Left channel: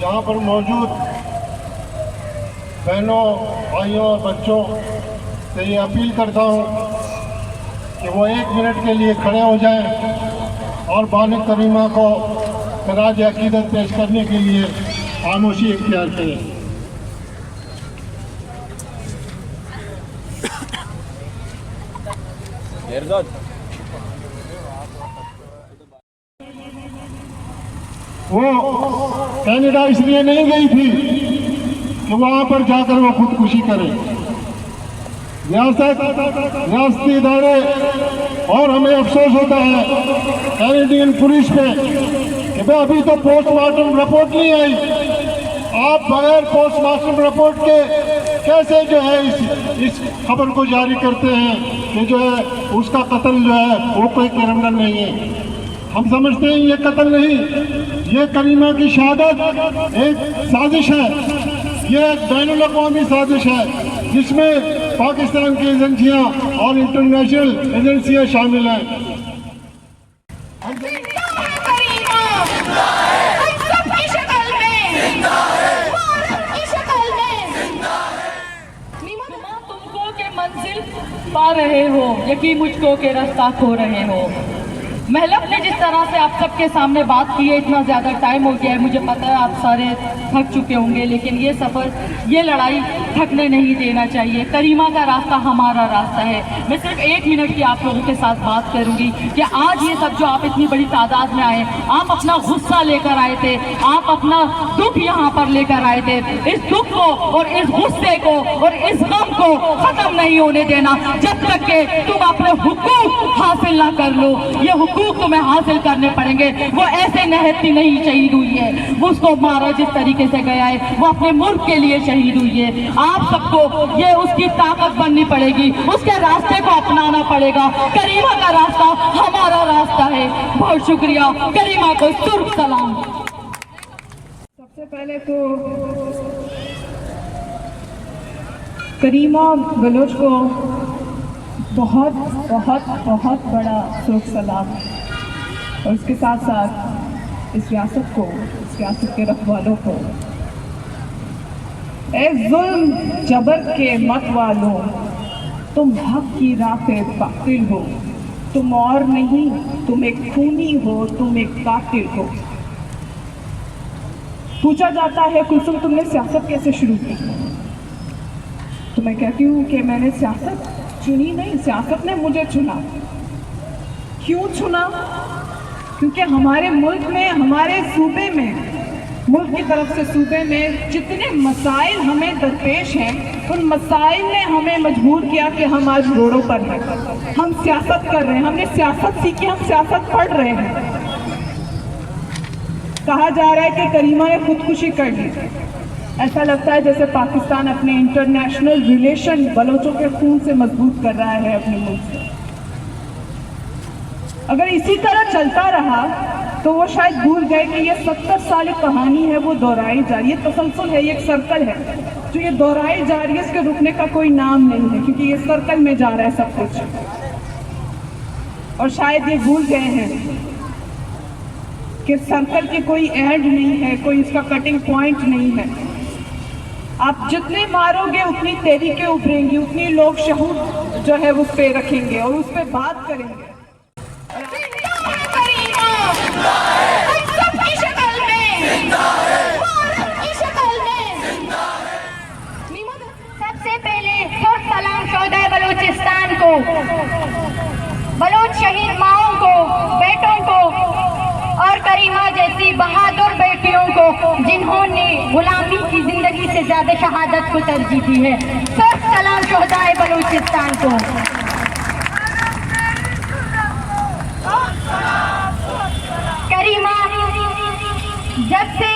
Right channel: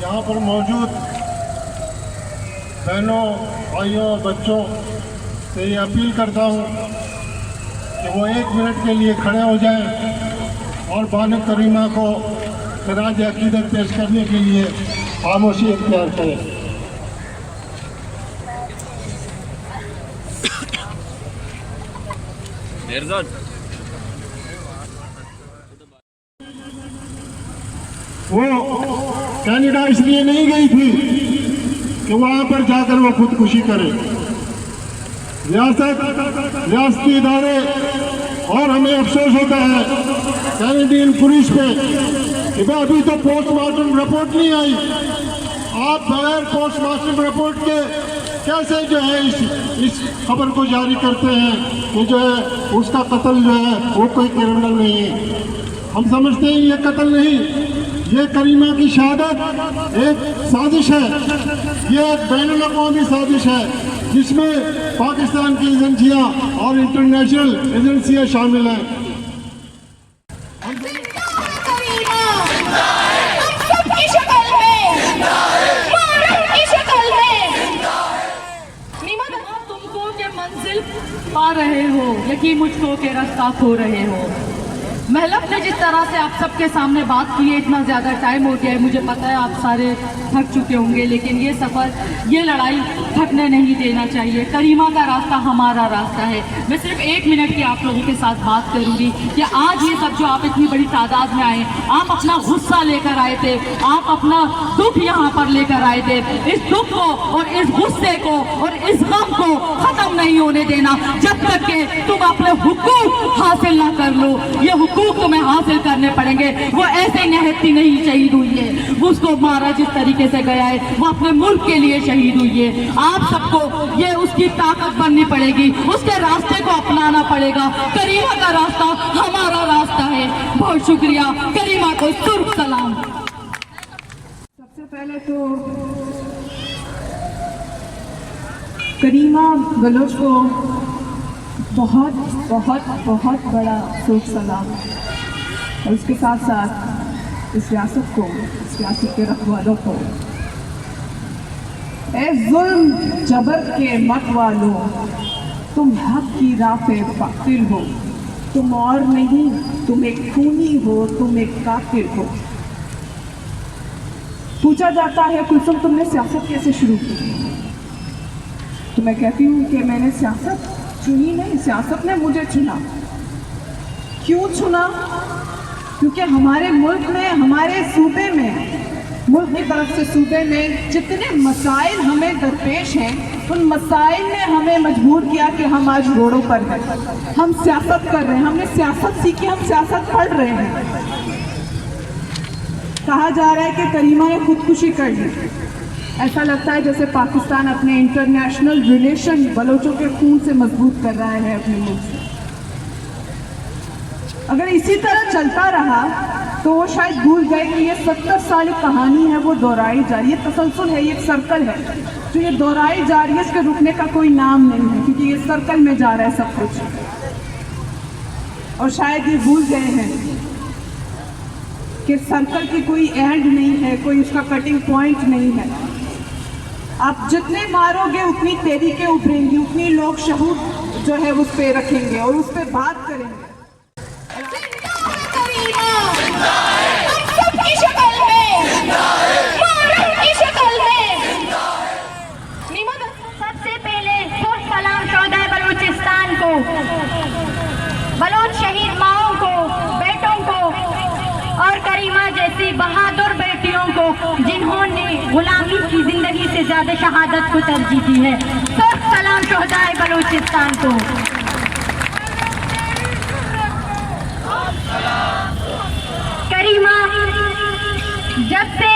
यहाँ पर मौजूद बहनों, भाइयों और बच्चों से ये अपील करता हूँ कि वो 1 मिनट के लिए खड़े हो जाएं और बानो करीमा को खराज अकीदत पेश करने के लिए खामोशी इख्तियार करें। वो कनाडा इसलिए नहीं गई थी कि वहां पर जाकर वो खुदकुशी करे। रियासती इदारे और हमें अफसोस होता है कैनेडियन पुलिस पे कि भाई अभी तो पोस्टमार्टम रिपोर्ट नहीं आई। आप बगैर पोस्टमार्टम रिपोर्ट के कैसे जो है इस खबर को जारी करते हैं कि जो है उसका कत्ल जो है वो कोई क्रिमिनल नहीं है। हम समझते हैं ये कत्ल नहीं, ये करीमा की शहादत एक साजिश है, ये एक बैनुल-अक़वामी साजिश है जिसमें पाकिस्तान की एजेंसियां और इंटरनेशनल एजेंसियां शामिल हैं। तुमको के मंजिल पा रहे हो, यकीन मुझको के रास्ता खो रहे हो। महलब ने जिस तरह से आप सबके सामने बात की है, इतना ज़्यादा टाइम हो गया है, मुझे पता है आप सारे थक चुके होंगे, लेकिन ये सफ़र, ये लड़ाई थकने नहीं देना चाहिए। करीमा का रास्ता हमारा रास्ता है। मैं सिर्फ 1 मिनट की आप लोगों के साथ बात करूंगी कि आज ये सब जो आप इतनी बड़ी तादाद में आए, आप अपना गुस्सा लेकर आए थे, आप अपना दुख यहाँ पर लेकर आए थे। इस दुख को और इस गुस्से को और इस गम को ख़त्म नहीं होने देना जब तक के तुम अपने हुकूक हासिल ना कर लो। ये हुकूक तुम्हें हासिल करने पड़ेंगे। वो ऐसे निहत्ती नहीं शहीद हुई है, वो उसको मारा जिस तरीके से गया है, वो अपने मुल्क के लिए शहीद हुई है। आप सबको ये उसकी ताकत बननी पड़ेगी, उसके रास्ते को अपनाना पड़ेगा। करीमा का रास्ता हमारा रास्ता है। बहुत शुक्रिया। करीमा को सुर्ख सलाम। सबसे पहले तो करीमा बलोच को बहुत बहुत बहुत बड़ा सुर्ख सलाम, और उसके साथ साथ इस रियासत को, इस रियासत के रखवालों को। ए जुल्म जबर के मत वालों, तुम हक की राह पे कातिल हो। तुम और नहीं, तुम एक खूनी हो, तुम एक कातिल हो। पूछा जाता है कुलसुम तुमने सियासत कैसे शुरू की, तो मैं कहती हूँ कि मैंने सियासत चुनी नहीं, सियासत ने मुझे चुना। क्यों चुना? क्योंकि हमारे मुल्क में, हमारे सूबे में, मुल्क की तरफ से सूबे में जितने मसाइल हमें दरपेश हैं, उन मसाइल ने हमें मजबूर किया कि हम आज रोडों पर हैं। हम सियासत कर रहे हैं, हमने सियासत सीखी, हम सियासत पढ़ रहे हैं। कहा जा रहा है कि करीमा ने खुदकुशी कर ली। ऐसा लगता है जैसे पाकिस्तान अपने इंटरनेशनल रिलेशन बलोचों के खून से मजबूत कर रहा है अपने मुल्क से। अगर इसी तरह चलता रहा तो वो शायद भूल गए कि ये 70 साल कहानी है, वो दोहराई जा रही है। तसलसल है, ये एक सर्कल है जो ये दोहराई जा रही है, इसके रुकने का कोई नाम नहीं है, क्योंकि ये सर्कल में जा रहा है सब कुछ। और शायद ये भूल गए हैं कि सर्कल की कोई एंड नहीं है, कोई उसका कटिंग पॉइंट नहीं है। आप जितने मारोगे उतनी तहरीकें उभरेंगी, उतनी लोग शहूद जो है उस पर रखेंगे और उस पर बात करेंगे। सबसे पहले सलाम सौदा बलूचिस्तान को, बलोच शहीद माओं को, बेटों को और करीमा जैसी बहादुर बेटियों को जिन्होंने गुलामी की जिंदगी से ज्यादा शहादत को तरजीह दी है। सख्त सलाम शोहदाए बलूचिस्तान को। करीमा, जब से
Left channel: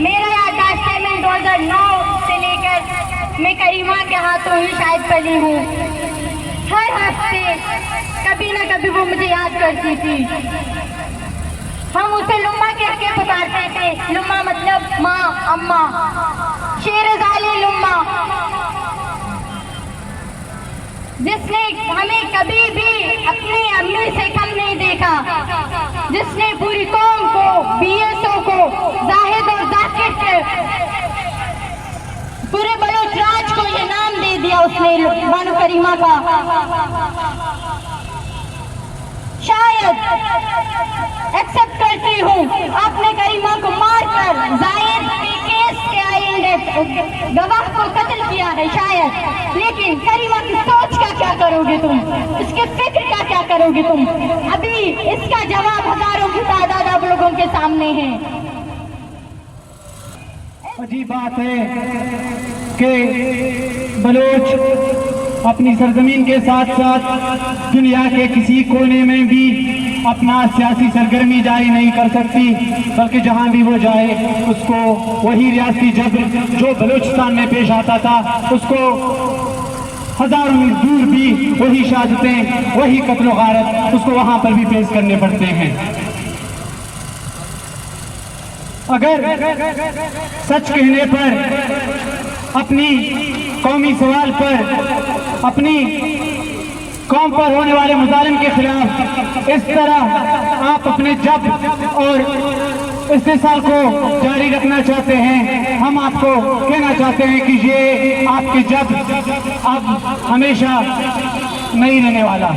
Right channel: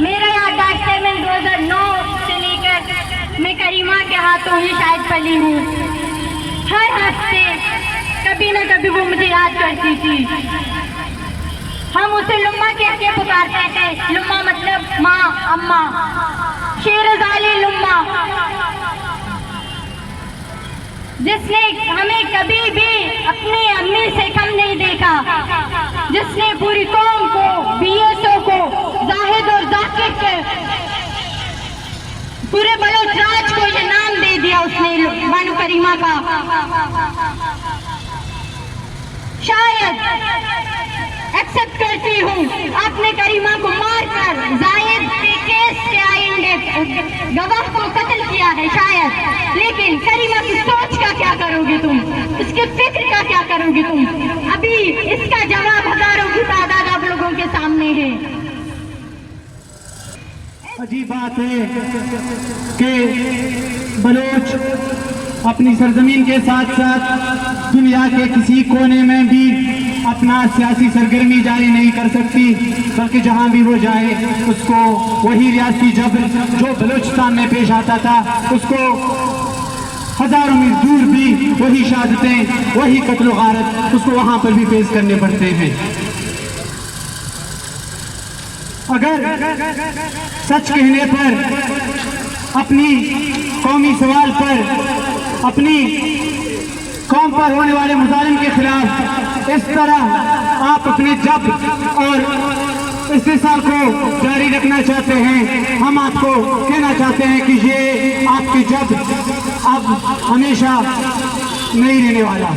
मेरा याददाश्त है, मैं 2009 से लेकर मैं करीमा के हाथों ही शायद पली हूँ। हर हफ्ते कभी न कभी वो मुझे याद करती थी। हम उसे लुम्मा कह के पुकारते थे। लुम्मा मतलब माँ, अम्मा, शेरज़ाली लुम्मा, जिसने हमें कभी भी अपनी अम्मी से कम नहीं देखा, जिसने पूरी कौम को, BSO को, जाहिद और जाकिर के, पूरे बलोच राज को ये नाम दे दिया उसने बानो करीमा का। शायद एक्सेप्ट करती हूँ, आपने करीमा को मारकर जायद के केस के आएंगे गवाह को कत्ल किया है शायद, लेकिन करीमा की सोच का क्या करोगे तुम, इसके फिक्र का क्या करोगे तुम? अभी इसका जवाब हजारों की तादाद आप लोगों के सामने है। अजीब बात है कि बलोच अपनी सरजमीन के साथ साथ दुनिया के किसी कोने में भी अपना सियासी सरगर्मी जारी नहीं कर सकती, बल्कि जहां भी वो जाए उसको वही रियासती जबर जो बलूचिस्तान में पेश आता था, उसको हजारों मील दूर भी वही शहादतें, वही कत्ल गारत उसको वहां पर भी पेश करने पड़ते हैं। अगर सच कहने पर, अपनी कौमी सवाल पर, अपनी कौम पर होने वाले मुजालिम के खिलाफ इस तरह आप अपने जब्र और इस्तेसाल को जारी रखना चाहते हैं, हम आपको कहना चाहते हैं कि ये आपकी जब्र अब हमेशा नहीं रहने वाला।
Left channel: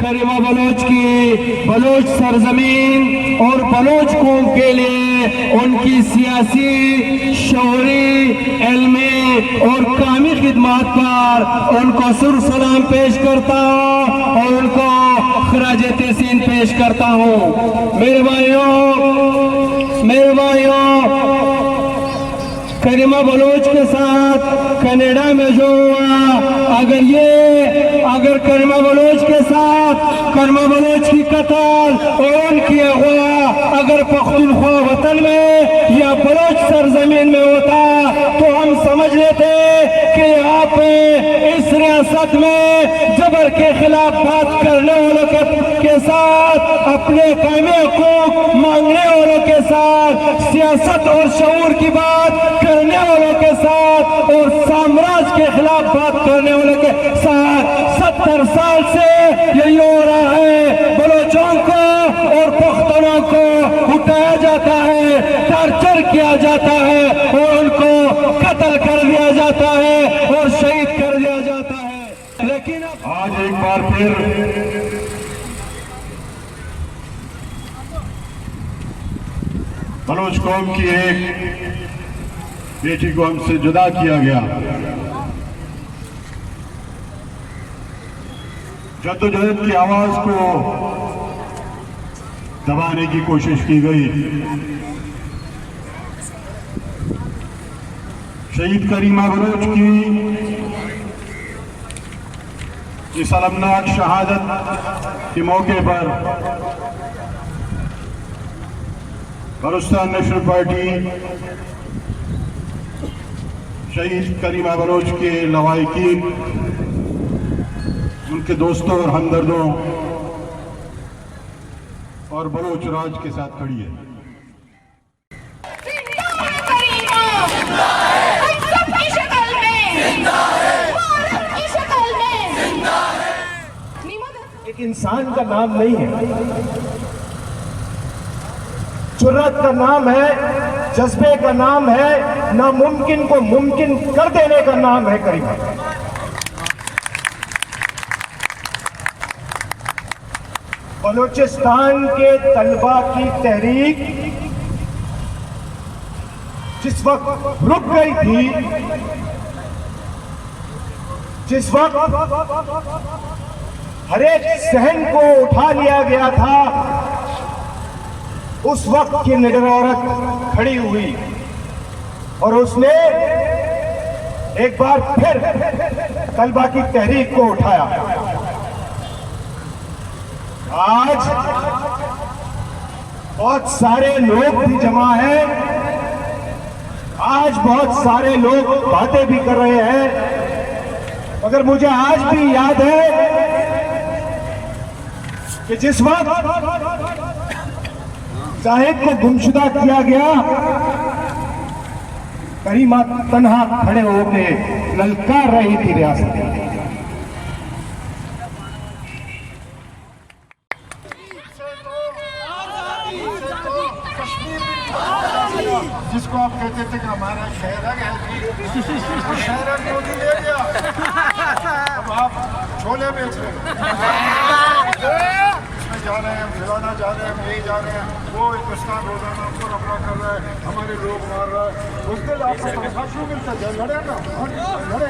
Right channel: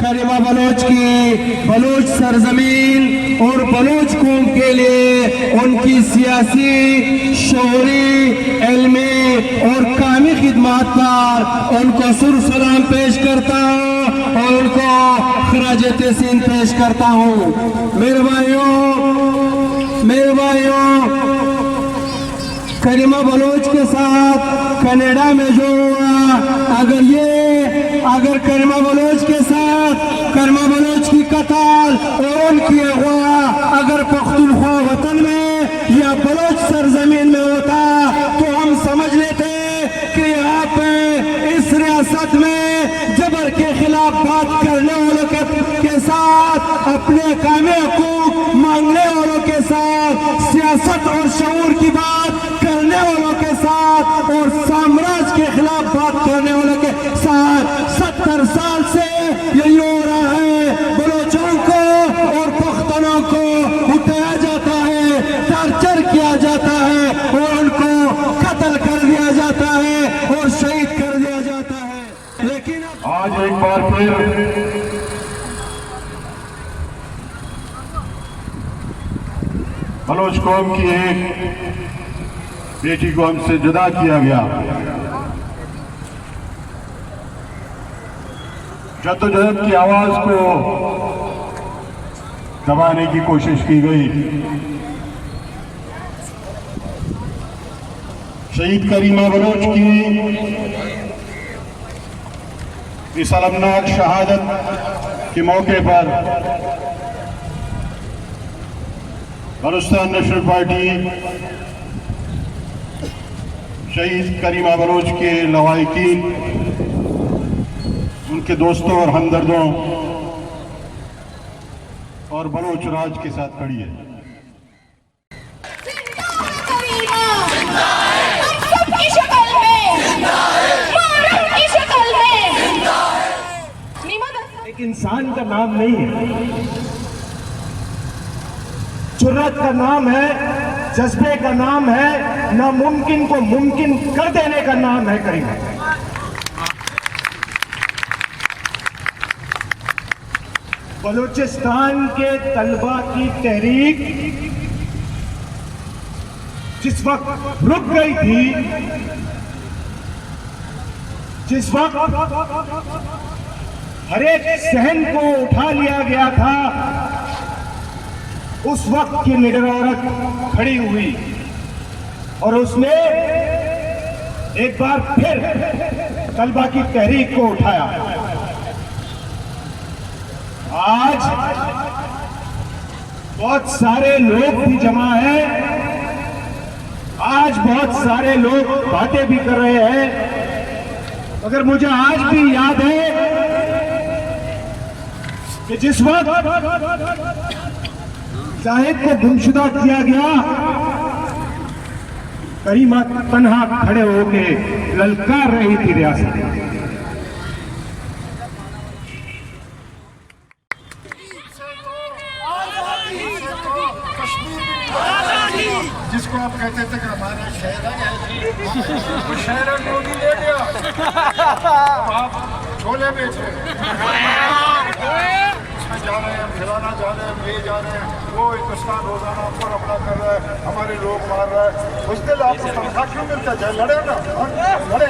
करीमा बलोच की बलोच सरजमीन और बलोच कौम के लिए उनकी सियासी, शौरी, इल्मी और कामी खिदमत पर उनको सुर सलाम पेश करता हूँ और उनको खराज तहसीन पेश करता हूँ। मेरे भाइयों, करीमा बलोच के साथ कनाडा में जो हुआ, अगर करीमा बलोच के साथ करीमा बलोच की कत्ल और उनकी अगवा अगर पख्तूनख्वा वतन में या बलोच सरजमीन में होता तो हम समझ लेते कि यहाँ पे इस रियासत में जबर के खिलाफ बात करने वालों के साथ, अपने कामे हकूक मांगने वालों के साथ, सियासत और शऊर की बात करने वालों के साथ और साम्राज्य के खिलाफ बात करने वालों के साथ 70 साल से यही हो रहा है। बलोचों को और पख्तनों को उठाया जाता है, टॉर्चर किया जाता है और उनको कत्ल कर दिया जाता है और शहीद कर दिया जाता है। लेकिन आज एक बार फिर बलोच कौम की एक बेटी को हमसे जुदा किया गया। जद्दोजहद की आवाज को दबाने की कोशिश की गई। शहीद करीमा बलोच की इस अलमनाक शहादत के मौके पर बलूचिस्तान नेशनल पार्टी शहीद करीमा बलोच के लवाहिकीन, उनके दोस्तों और हमदर्दों और बलोच राज के साथ खड़ी है। एक इंसान का नाम नहीं है, जुर्रत का नाम है, जज्बे का नाम है, नामुमकिन को मुमकिन कर देने का नाम है करीमा। बलूचिस्तान के तलबा की तहरीक जिस वक्त रुक गई थी, जिस वक्त हर एक सहन को उठा लिया गया था, उस वक्त की निडर औरत खड़ी हुई और उसने एक बार फिर तलबा की तहरीक को उठाया। आज बहुत सारे लोग भी जमा हैं, आज बहुत सारे लोग बातें भी कर रहे हैं, मगर मुझे आज भी याद है कि जिस वक्त जाहिद को गुमशुदा किया गया, करीमा तन्हा खड़े होके ललकार रही थी रियासत। जिसको आप कहते थे कि हमारा शहर है, वो शहर मोदी ले गया, अब आप छोले बेच रहे हैं, इसमें जा रहे हैं, हम खिलाना जा रहे हैं, हम ये जा रहे हैं, वो हिंदुस्तान रोजाना पर अपना कर रहा है, हमारे लोग मार रहा है। उस दिन आपको तनख्वाह क्यों मिलता है? लड़े ना, लड़े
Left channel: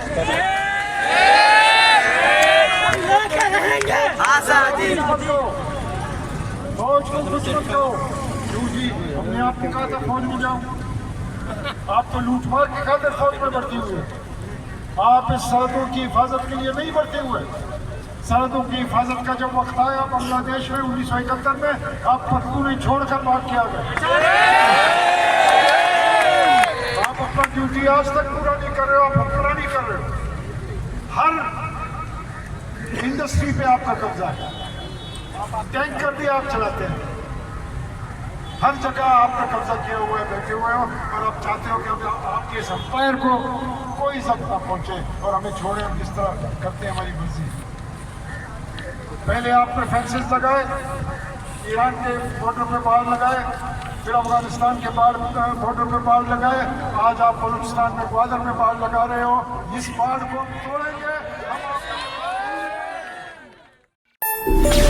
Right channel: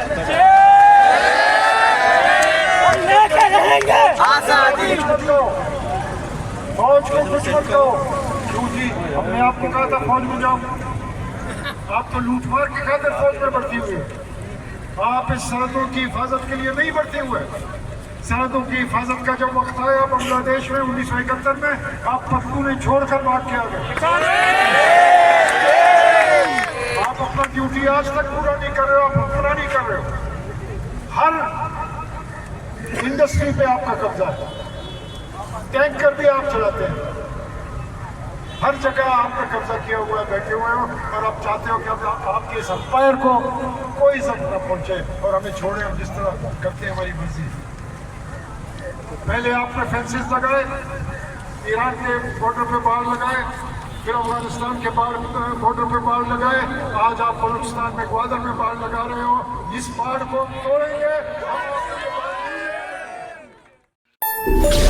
आजादी। फौज को कुछ मत दो। जी, हमने आपको कहा था फौज में जाओ, आप तो लूट मार के खातिर फौज में भर्ती हुए। आप इस सरहदों की हिफाजत के लिए नहीं भर्ती हुए। सरहदों की हिफाजत का जब वक्त आया बांग्लादेश में 1971 में, आप पख्तून छोड़कर भाग के आ गए। आप अपना ड्यूटी आज तक पूरा नहीं कर रहे हो, आप पूरा नहीं कर रहे हो। हर इंडस्ट्री पे आपका कब्जा है, टैंकर भी आप चलाते हैं, हर जगह आपका कब्जा किया हुआ है, बैठे हुए हो, और आप चाहते हो कि अब आपके इस अंपायर को कोई जब्त ना पहुंचे और हमें छोड़े, हम जिस तरह करते हैं हमारी मर्जी। पहले आपने फेंसेस लगाए, ईरान के बॉर्डर पे बाड़ लगाए, फिर अफगानिस्तान के बॉर्डर पे बाड़ लगाए, आज आप बलूचिस्तान में ग्वादर में बाड़ लगा रहे हो। इस बाड़ को तोड़ेंगे हम।